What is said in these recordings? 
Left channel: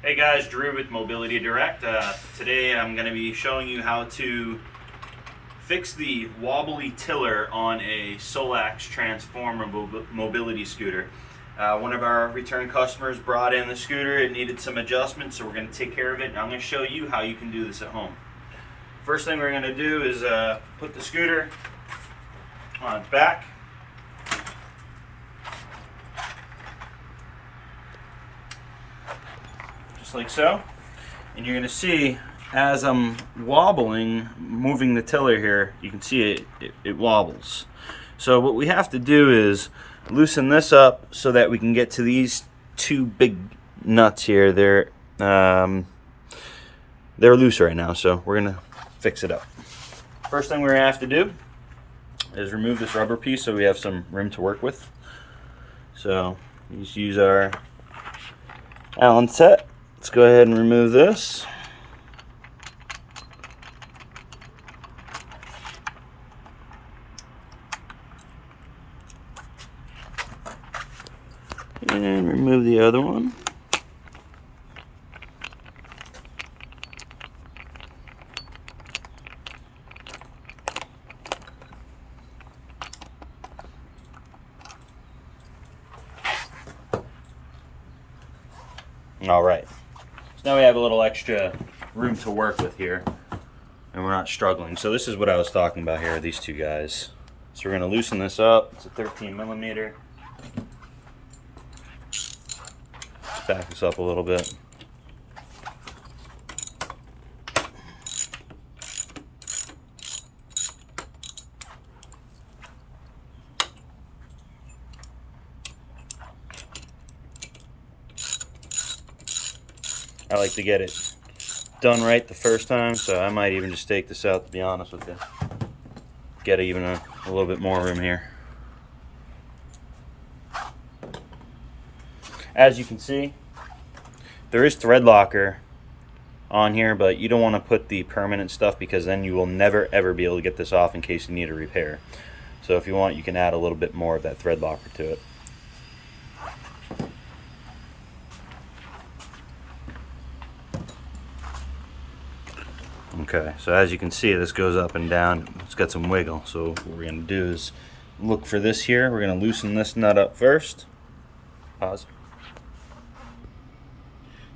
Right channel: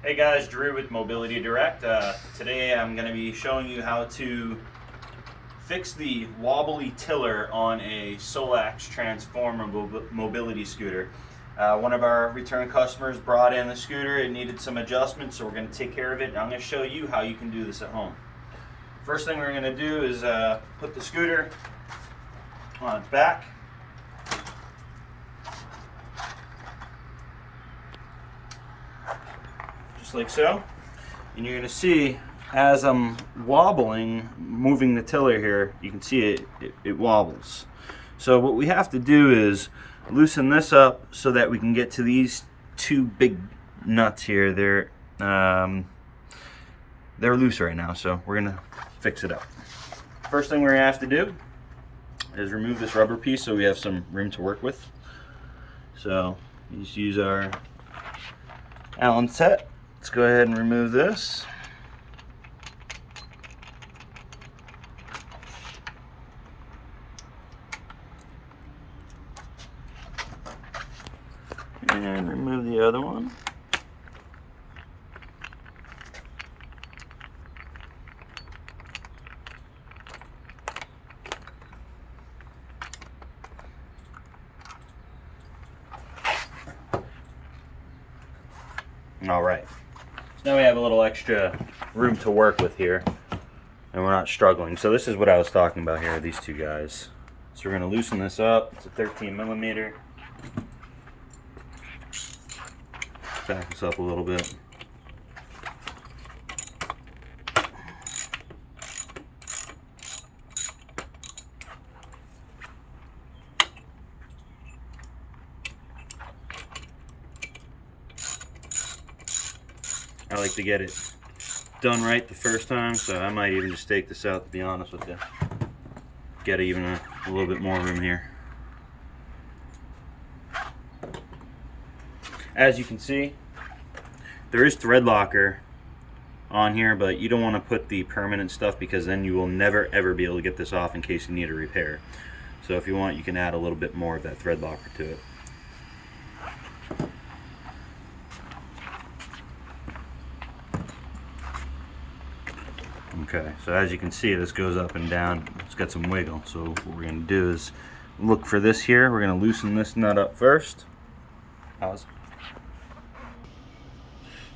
Hey guys, Drew with Mobility Direct. Today I'm going to be showing you how to fix the wobbly tiller on a Solax Transformer mobility scooter. One of our return customers brought in the scooter. It needed some adjustments, so we're going to take care of it, and I'm going to show you how you can do this at home. First thing we're going to do is put the scooter on its back. Just like so. And you're going to see as I'm wobbling, moving the tiller here, you can see it wobbles. So what we have to do is loosen this up so that we can get to these two big nuts here. They're loose right now, so we're going to fix it up. First thing we're going to have to do is remove this rubber piece so we have some room to work with. So just use our Allen set. Let's go ahead and remove this. And remove the other one. All right. So now we have a little extra room to work with here, and we're not struggling. So this is what I was talking about here, these two guys. So we're going to loosen this up. It's a 13 millimeter. Back this up a little bit. I like to get it done right the first time, so I might even just take this out, to be honest with you. Get even a little bit more room here. As you can see, there is thread locker on here, but you don't want to put the permanent stuff because then you will never ever be able to get this off in case you need a repair. So if you want, you can add a little bit more of that thread locker to it. Okay, so as you can see, this goes up and down. It's got some wiggle. So what we're going to do is look for this here. We're going to loosen this nut up first. Pause.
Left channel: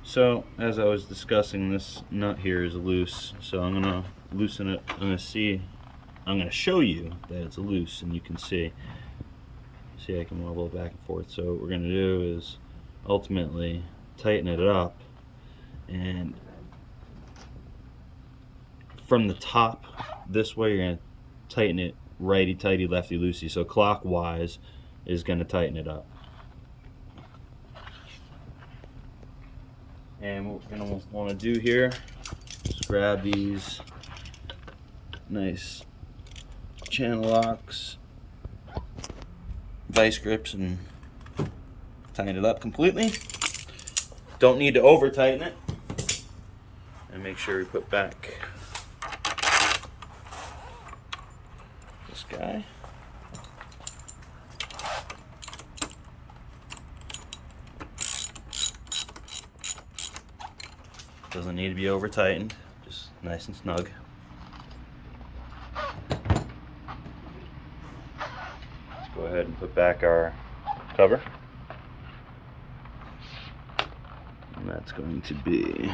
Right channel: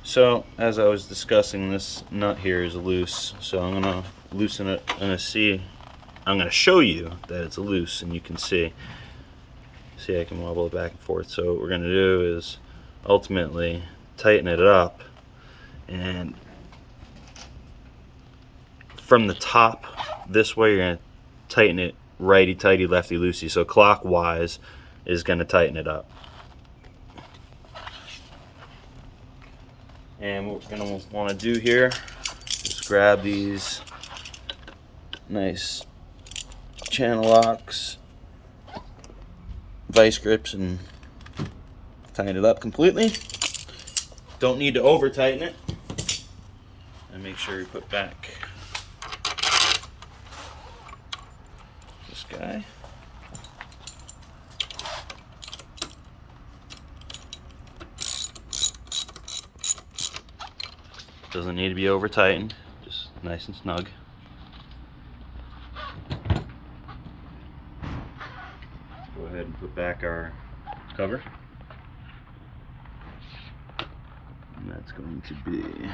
So as I was discussing, this nut here is loose. So I'm going to loosen it. I'm going to show you that it's loose, and you can see I can wobble it back and forth. So what we're going to do is ultimately tighten it up, and from the top this way, you're going to tighten it righty tighty, lefty loosey. So clockwise is going to tighten it up. And what we're going to want to do here is grab these nice channel locks, vice grips, and tighten it up completely. Don't need to over tighten it. And make sure we put back this guy. Doesn't need to be over tightened, just nice and snug. Let's go ahead and put back our cover. And that's going to be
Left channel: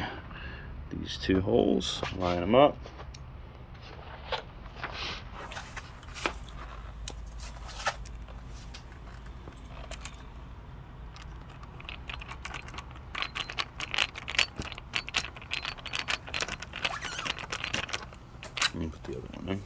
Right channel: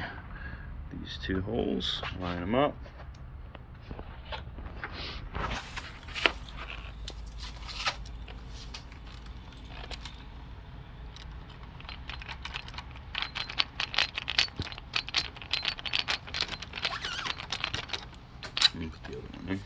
these two holes. Line them up. Let me put the other one in.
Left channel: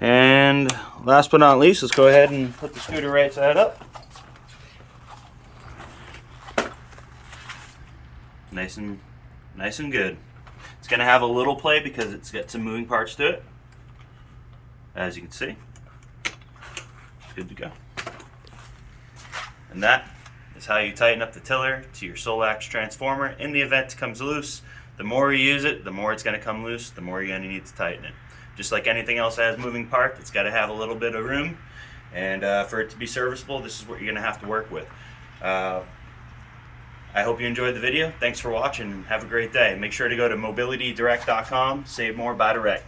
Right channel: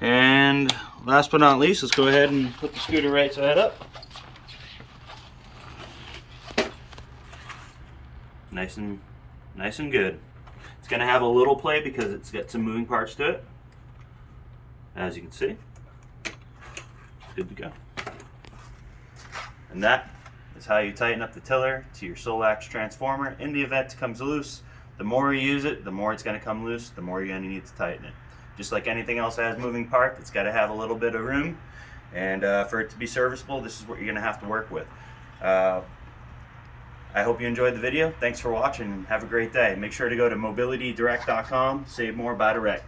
And last but not least, let's go ahead and put the scooter right side up. Nice and good. It's It's going to have a little play because it's got some moving parts to it. As you can see, it's good to go. And that is how you tighten up the tiller to your Solax Transformer. In the event it comes loose, the more you use it, the more it's going to come loose, the more you're going to need to tighten it. Just like anything else that has moving parts, it's got to have a little bit of room. And for it to be serviceable, this is what you're going to have to work with. I hope you enjoyed the video. Thanks for watching and have a great day. Make sure to go to mobilitydirect.com. Save more, buy direct.